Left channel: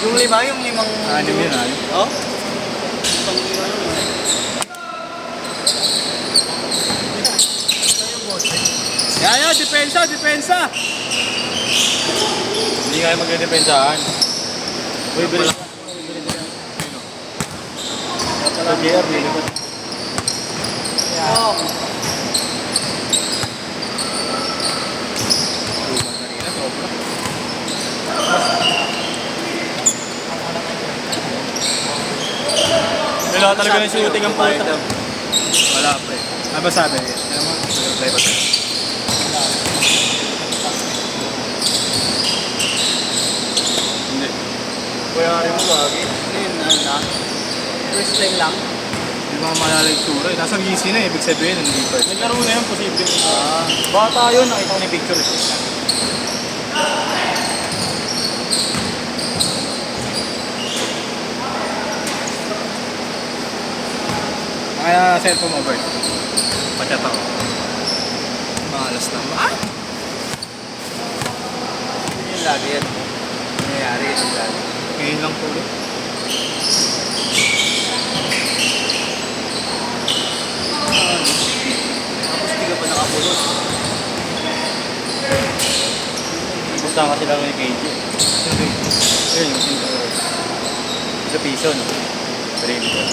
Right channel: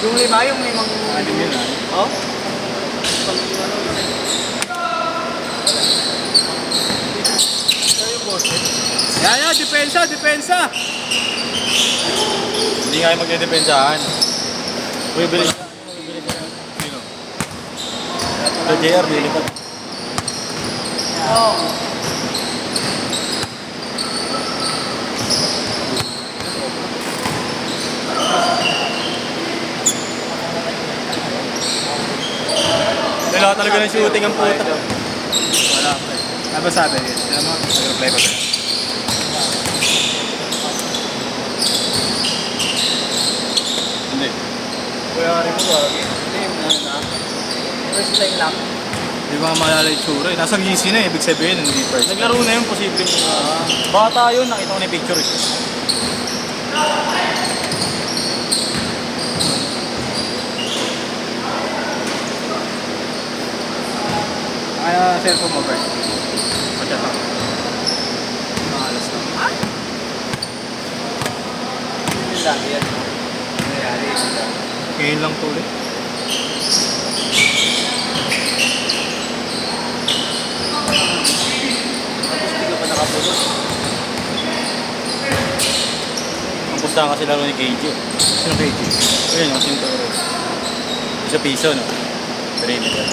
Yung lima, yung limang... Anim yun, Oh? Yaya, depensa, depensa! Hindi nga yung magdedepensahan. Bibili. Sa JR, dito. Oo. Wala talaga ng shooting ang puta. Ano ba sabi? Yan mo, nag-reply ba ito? Hindi. Kuya nga rin mo ba? Yun, ano na? Explain lang. Hindi ba maalala yung tsura eh. Nasa GC na eh, ibig sabihin, hindi pa. Naglaro na yun, posible. Baka tayo, nakita ko na yung picture eh. Kaya cellphone mo ba? Pagkat ako. Malas na. Yun lagi yan. Nangyayari yun lagi. Ngayon lang po ulit. Tapos hindi ka pa nakapulot. Gusto na kasi lang ni KJ. Yung KJ? Ayun, yung sinto. Sa Pison. Brady ka.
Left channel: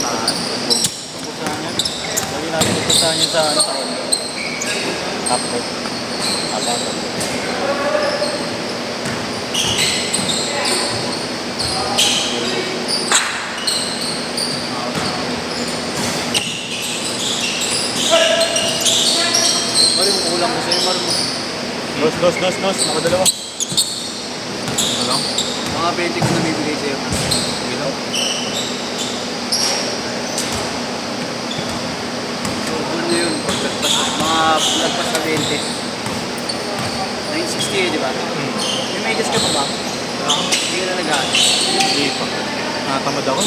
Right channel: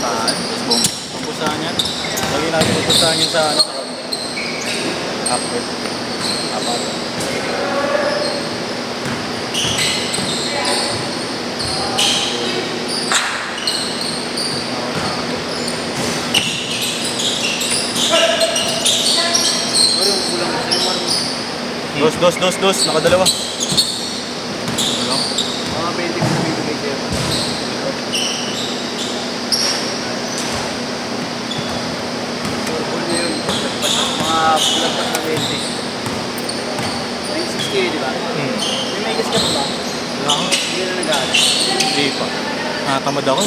Saan? Pusahan niya. Lagi natin pupusahan niya sa ano, sa condo. Upward. Apat. Marunong kulang ko sa'yo, marunong. Dos. Nakadalawa. Ano? Mga 20 ko bibigay sa'yo. Ano yun? Mga like sa 20. 960 di ba? Umigas ka pa ba? Hindi na nag-aaral. Hindi pa. Nakatamad ako.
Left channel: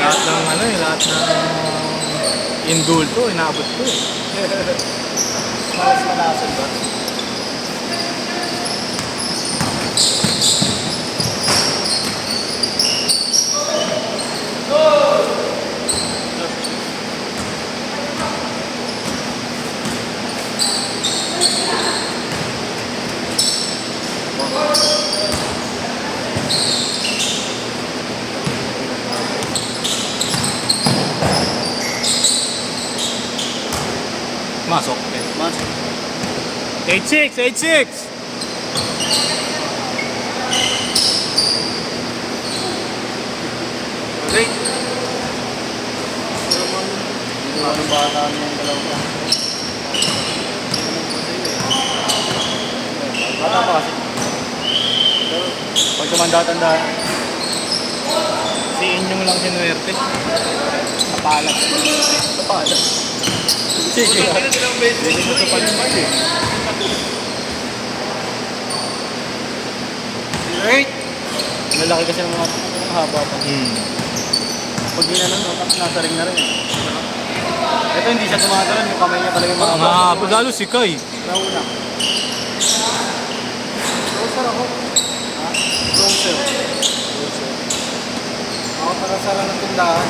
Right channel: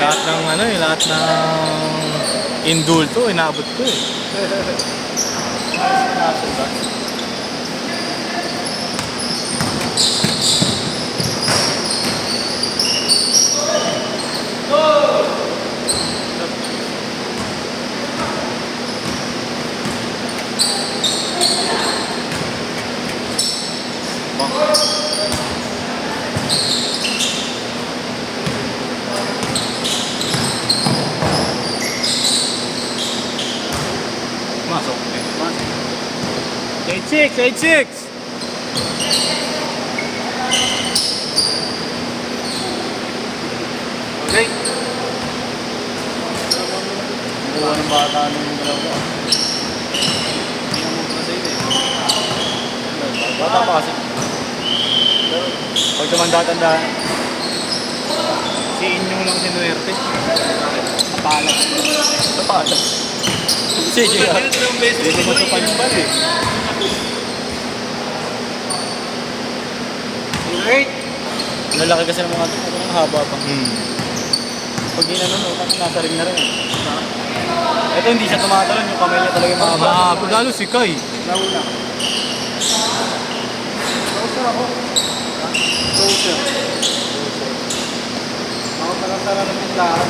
Lahat ng ano eh, lahat ng indulto, inaabot ko eh. Malas na kaso ba? Masok. 86! Ulit! Bata pa kasi. Pero pag tumanda-tanda, si Inyong lang sinuwerte. Kapalag. Sige. Hindi ko sa pag-ibig eh. Wait! Malaki kasi ng mga haba pa. Pag yun ano, no, nasa ring na rin eh. Ito hindi siya tumatalon, yung kamay niya talaga yung mahaba. Lalo si Kai. Nauna. Closer ako. Ha? Closer. Ako nakasara ng tindahan.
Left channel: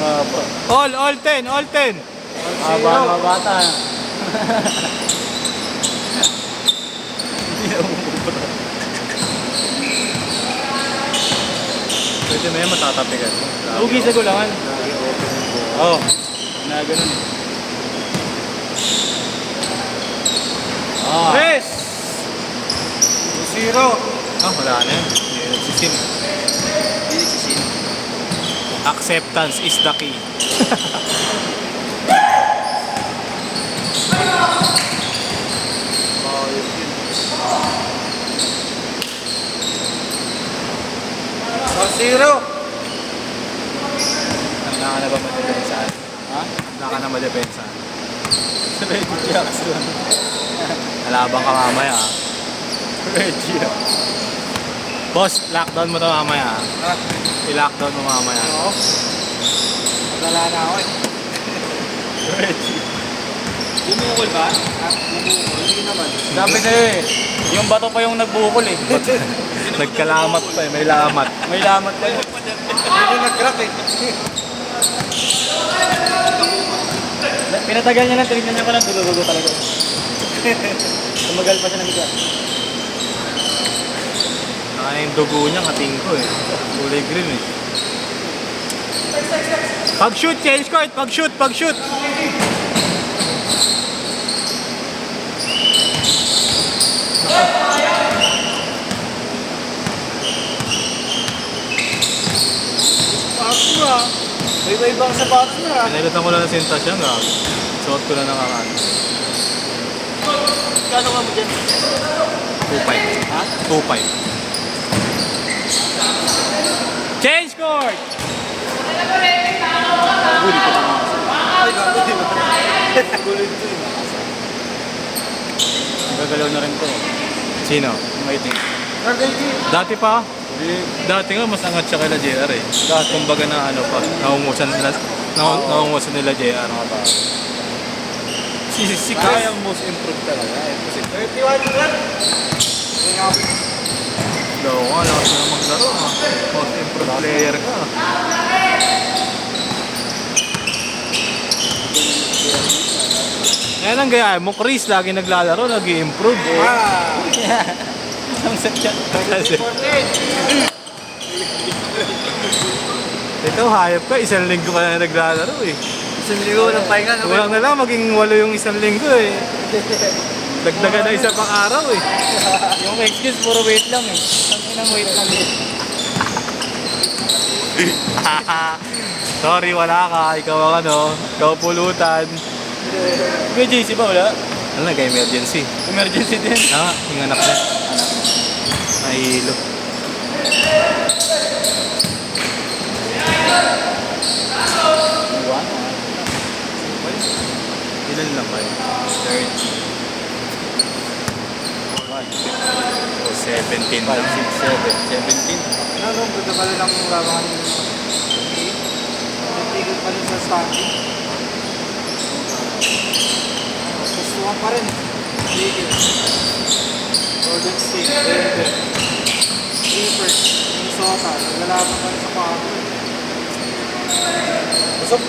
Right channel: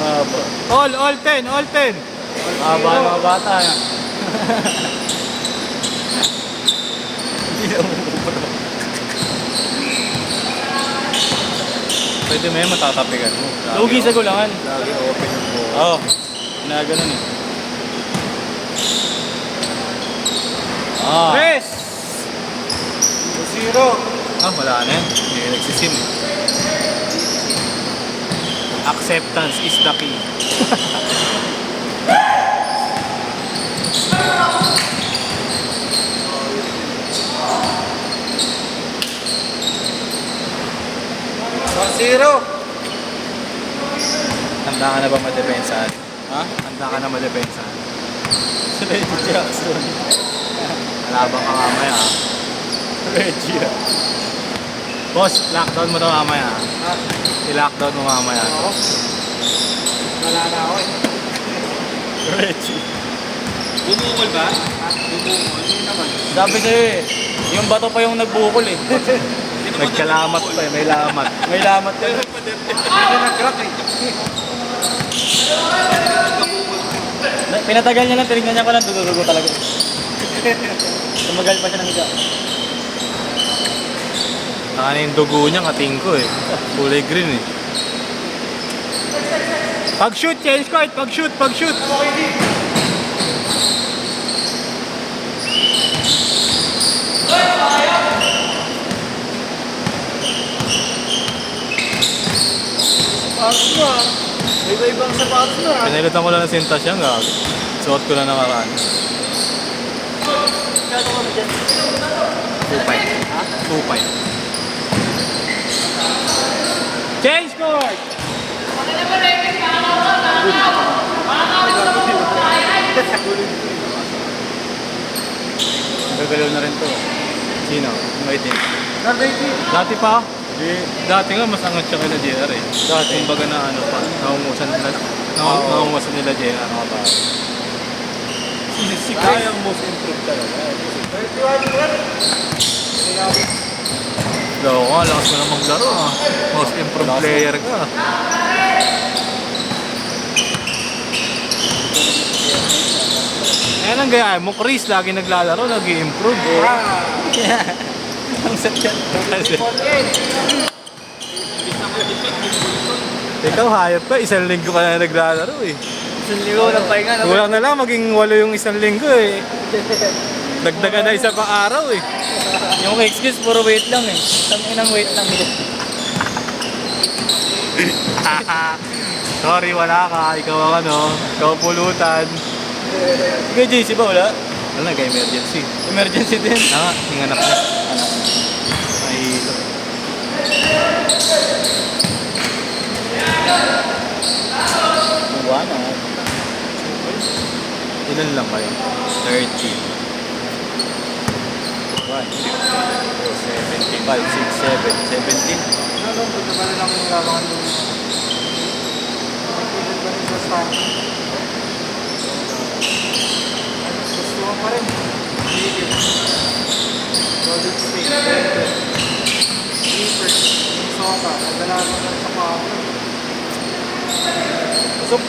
Haba. All 10. Haba ng mga bata. Hindi na umubra. Pwede may matatapigan mo. Lugi sa gulangan. Lagi open. Oo. Ginaganon eh. Press! 0. Wala na yun. Hindi nagsisim. Acceptance is the key. Zero. Handa ka na ba madepensahan? Ha? Handa ka na madepensahan? Reggie Jackson. Alabang ka mamaya ha. Reggie. Boss, lockdown mo to mamaya ha. Ha? I-lockdown mo mamaya. Oo. Wala na ako eh. Reggie. Bumukol ba? Ha? Bumukol? Hindi naman. Sabi sa'yo eh, yung bato pa yung nagbukol eh. Nagkalamat pa eh, may lamat. May lamat pa yun. Hindi nag-crack eh. Pinatagal niya lang, tinignan niya ko lang, dugo-dugo talaga. Tumagal pa siya ng higa. Ano yung dugo niya, kating ko eh. Kulay green eh. Pag-shoot, change court! Pag-shoot! Pag-shoot! Pass mo ah. May ibang sa pass mo ah. Pinalitan ko lang yung sintas yan, gab. Suot ko na nakaraan. Kano ka mo dyan? 2-5. 2-5. Change court! Gagalaw na rin to. Sino? May din. Dati pa? Di, Dati nga mas angat siya kay JR eh. Dati. Kumbaga na ano pa, naumusan nila JR. ba? Si Kaya ang most improved talaga. Kasi 31 lang. laro ka, alam ko na maglaro ah. Most improved player ka. Yan ang gaya mo, Chris, lagi naglalaro, nag-i-improve. Yeah. Ang sakyan. Ikaw, hayop ka, isang linggo ka na naglalaro eh. Isang linggo ng pahinga naman. Wala na lang, maging 8 yung isang linggo eh. Dagdagan na isa pang araw eh. Yung excuse, puro wait lang eh. Ang inang wait lang. Sorry, wala ka. Ikaw ang ano, ikaw pulutan. Ikaw, JC ba wala? Ano, nag-emergency. Emergency din. Ah, hinanap niya. Anak. Mahilo. Diba? Ilan lang kayo? 30. 1, 2, O, 17. 5, 6, 7, 17. Ano, buto ka rin ang labangan mo. Natigil ka rin sa starting. Gustuhan ka rin. Tigil. Golden State. Denver. Clippers. Minnesota. Nagalaban ka sa Pablo. Usap.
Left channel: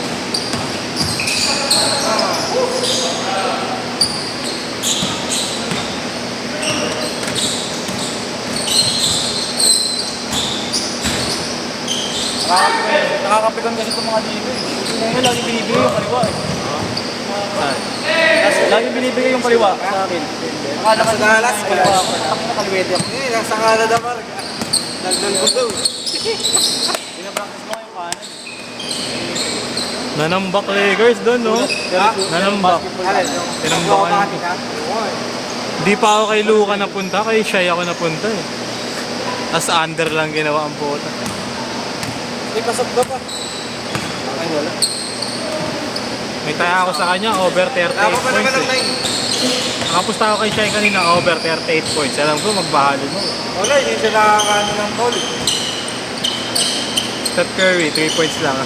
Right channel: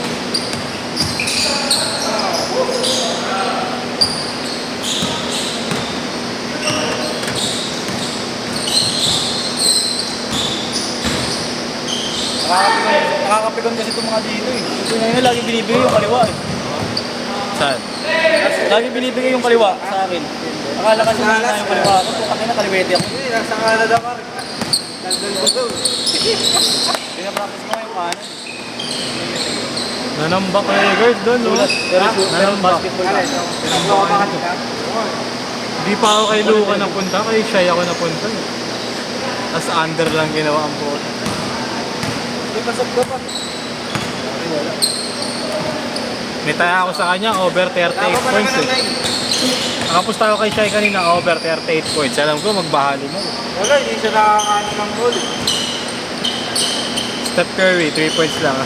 Nakakapikon kasi itong mga dito eh. Ito na yun, lagi binibigay yung kaliwa eh. Saan? Lagi binibigay yung kaliwa sa akin. Akala kasi Dalas, kaliwa ako. Ako na kaliwete ako. Hindi, nasa Canada pa rin. Nandun ko daw. Pinapractice mo yung kanan. Nanambak eh, girls doon, no? Pero Nanambak. basketball ka. Nakuha ka ito. Di pa ako kay Luca napunta, kay Shai ako napunta eh. As under lang ginawa ang bola. Hindi pasok daw pa. Ay, wala. May taya ako sa kanya, over 38 points eh. Tapos tayo kay Shai kanina, over 38 points. Alam ko, magbahalo na. Wala, hindi siya nakakaano ng goal. Steph Curry, 3 points lang.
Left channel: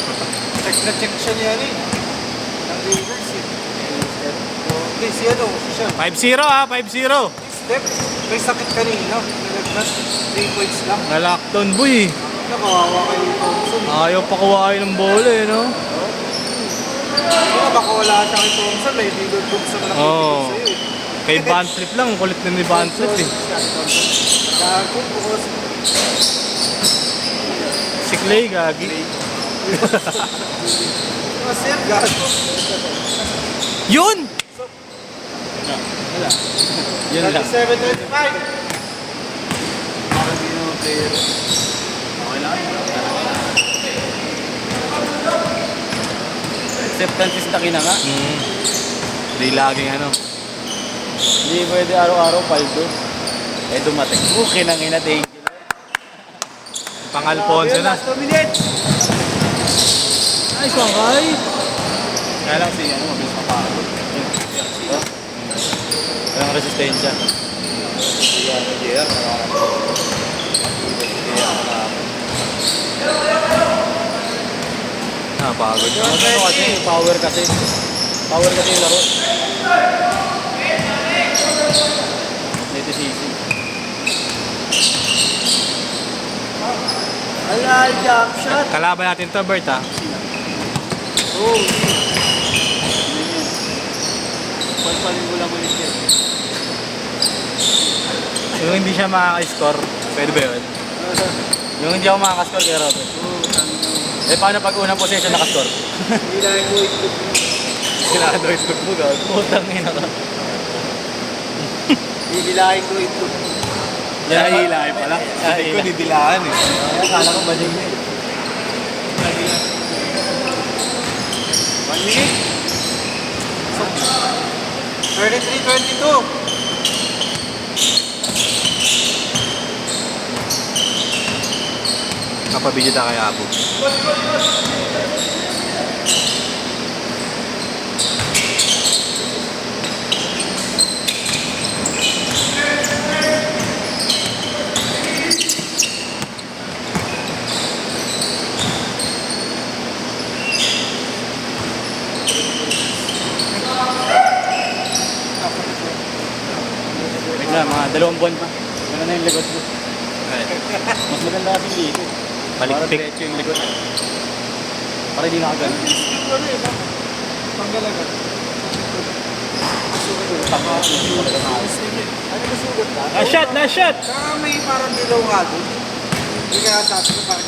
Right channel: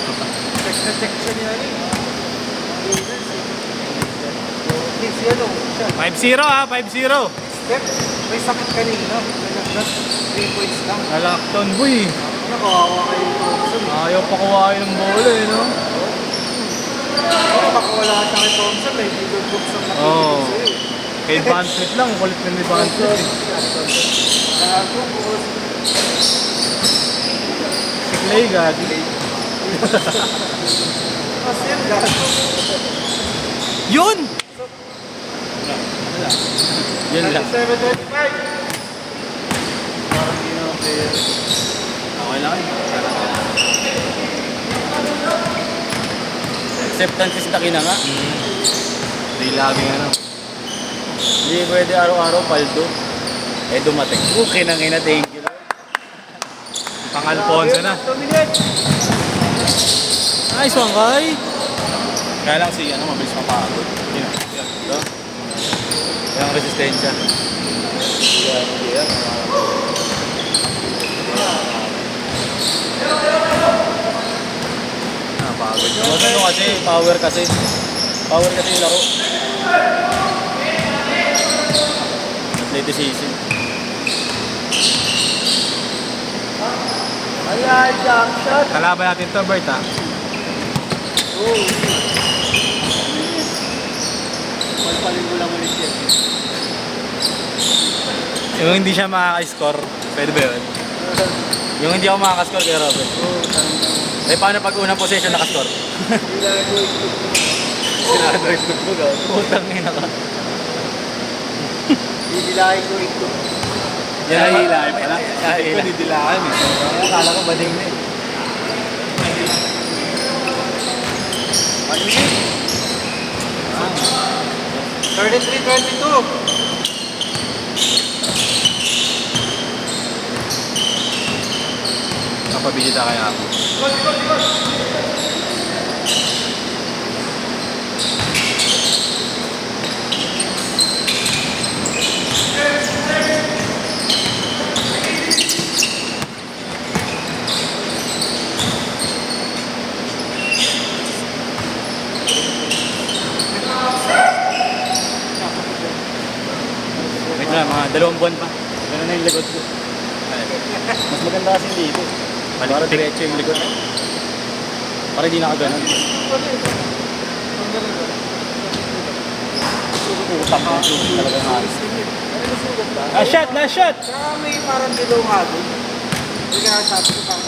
Check na check siya niya rin. Ang Raiders eh. Hindi siya daw, siya. 5-0 ha, 5-0. Step, may sakit kanina. Nag-plus 3 points lang. Nalockdown boy. Nakawawa kayo Thompson. Ayaw pa kuwain ng bola eh, no? Kaya baka wala ka kay Thompson, eh. Hindi doon Thompson na Oo. sa'yo. Kay Van Trip lang, kulit na ni Van Trip eh. Gago, bukas. Si Clay, gagi. Mas yan, gago. Yun! Yun lang. 7:25. Parang hindi naman player. Okay na kayo. Acceptance is taki na nga. Hindi laging ano. Hindi pwede araw-araw paldo. Eh dumating. Okay nang ina, thank you. Pang Alfonso na. Last 2 minutes. Nice one, Kai. Kaya lang si, mabilis mapagod. Ito. Walang resistensya. Pagod. Ano kasi, power kasi. Power kasi yung laro. Athleticism. Ay, jump shot. Kalaban natin to, Bert, ha? Oh. Palpalin mo lang ulit yan. Yung hindi siya makaka-score, pwede ba yun? Yung hindi ako makaka-score kay Robert. Eh, paano pag unang possession nakascore? Hindi na rin mo ikot. Sinaka-dois ko po, gawin. Putang ina ka. Didilahin ko ikot. Yan ang hilahin pala. Hila. Ito, didilaan eh. Kaya akala ko bading na eh. 1 minute. 33-22. Kapabidyo na kaya ako. Wait na, mga 2 buwan pa. Gano'n na yung likod ko. Mas maganda kasi dito. Para diretso yung likod. Para hindi na ako ganun. Ang galang. Last shot! Last shot! Kaya may parang dilaw nga doon. Hindi kaya sabi ko parang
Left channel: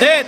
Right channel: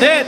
Set!